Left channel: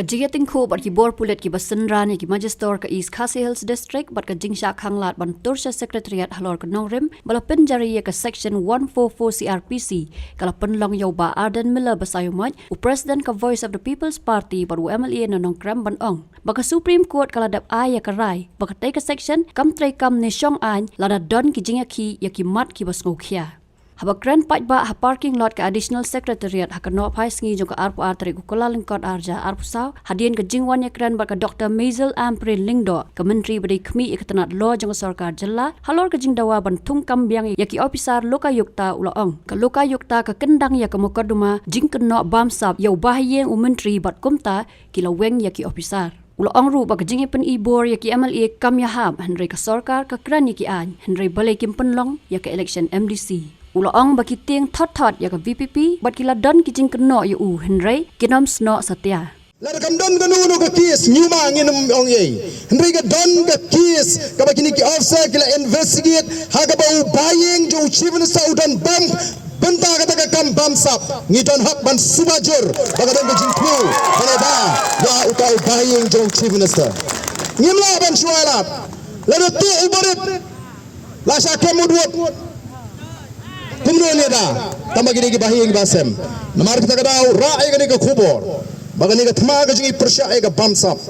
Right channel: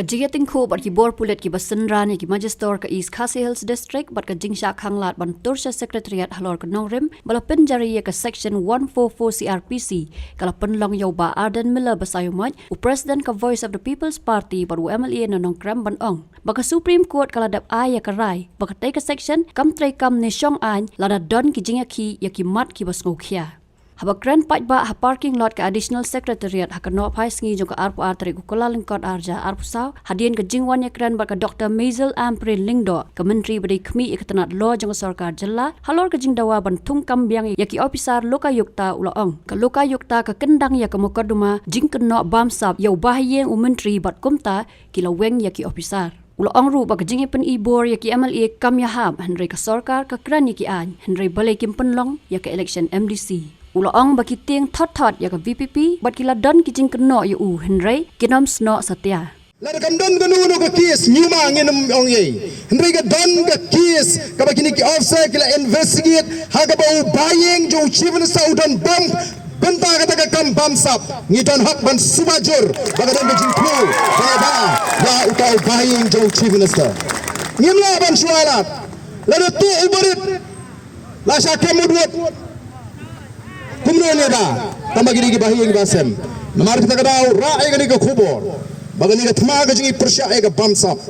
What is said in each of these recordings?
Kajiyating ko bat ki bor pulet ki basenran ki Magister ka East Khasi Hills District bat ka jingsha khanglat ban Torsha Secretariat halor ka nongrim bala penjari ka Section 144 CRPC kala penlong yaw ba Arden Miller basayumat u President ka Voice of the People's Party bat u MLA na nongkram ban ong baka Supreme Court kala dap aya ka rai baka tay ka section kam tray kam ni Shong An lada don ki jingya ki ya ki mat ki bas ngokhia Habak grand pat ba ha parking lot ka additional secretariat ha kanop hai sngi jong ka arpu artri ku kula lingkot arja arpu saw hadien ka jingwan ya grand ba ka Dr. Mazel Ampre Lingdo ka menteri badi khmi iktanat law jong sarkar jilla halor ka jingdawa ban thung kambyang ya ki officer Lokayukta ulaong ka Lokayukta ka Kyndang ya ka mukaduma jingkno bamsap ya Bahaïing u menteri bat kumta kilaweng ya ki officer Ulaong ru bag jingi pen ibor ya ki MLA kam ya hab Henry ka sarkar ka kran ya ki an Henry balai kim penlong ya ka election MDC Ulaong bagi Tieng thot ya ka VPP bat kila don ki jing keno ya u Henry kinom sno satya la kam don ganu ka kies nyuma nginum ong ye Henry ka don ka kies ka bagini ki officer kila investigate ha ka ba Bahaïing jo chief minister udan bam benta ka ta kam bam sap ngi don hak ban subajur baga don jing ku bala ba ya uta Bahaïing jo chief minister ngimla ban shualat la tu ubarit la sha kemudwot Kumno da tambagini ki Bahaïing basem namar kita kadau rae gani ka khubor bagani ka thma ga jingi persya ga bamsap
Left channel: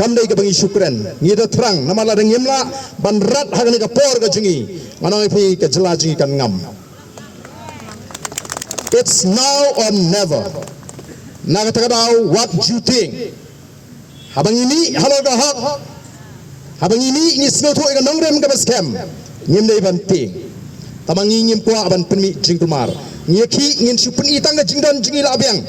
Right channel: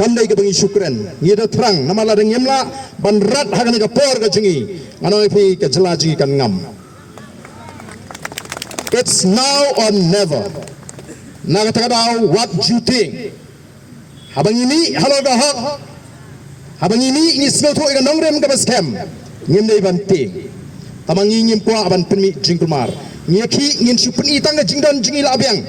kamdai ka bangi syukran ngi da thrang namala da ngimla ban rat hagani ka por ga jingi anoi phi ka jala jingi kan ngam It's now or never na ka kadau what you think habangi ni halo ga hak habangi ni ngi sno tho ga nongrem ga baskem ngim dai ban ting Tamangi ngim kwa aban penmi jingkumar. Ngiyaki ngin supeni tangga jingdan jingi labiang.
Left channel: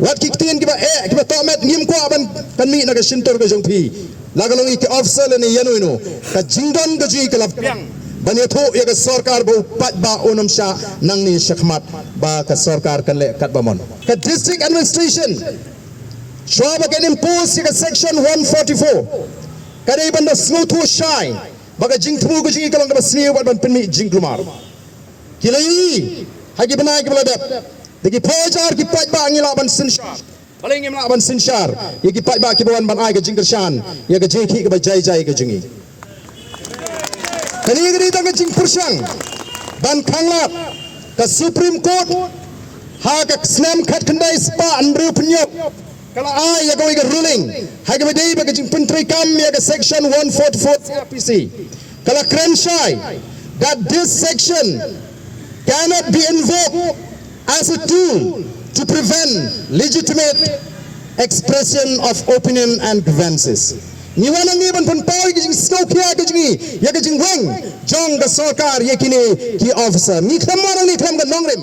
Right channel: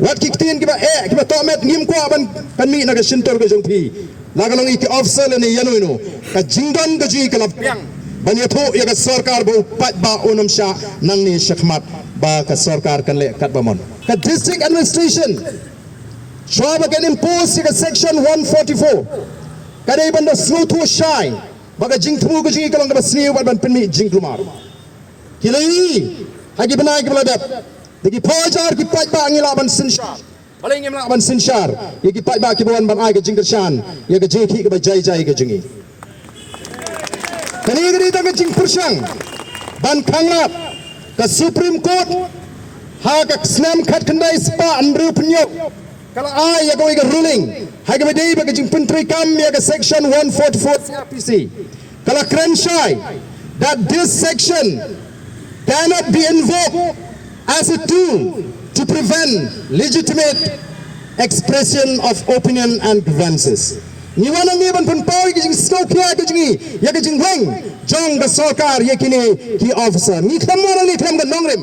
Wat kiktin kiba kiba tomet ngim kwa aban penmi naga sintor ka jongpi. Lagalong iki officer ni yano ino. Ka jingdan ka jingi kalabiang. Banyato ya ka sarkar ba upat ba unam sya nang ni syakmat ba ka sarkar kan le kat bamon. Ka district administration. Shwa ba kan impose ka section 144. Kadai banda slow to shine. Baga jing temu ko jingi kalong ka basniu ban penmi jing kumar kilai hagi banai ki baladap degi pojar ki pat ba ngila ban sinshar balai ngim la ban sinshar ye ki pat ba ki ban ban ai ka jing kershan ye ka jing ki ka jai jai ka jingi kani gri ta ka jing pursang ban khanglat ka Supreme Court ha ka snam khat khandai spa andru punyo kala ai ya ka ruling hagi badai ba ka jing pentri kam ya ka section 144 CRPC kala krenshai that this section cannot be invoked as a tool to prevent legitimate expression of opinion and grievances. Ni wana ni ban pan pawi ki jing skokia ki jingi ya ki jing wang jong ga sarkar ye kini ki officer ni khamana ni kham ga nongrim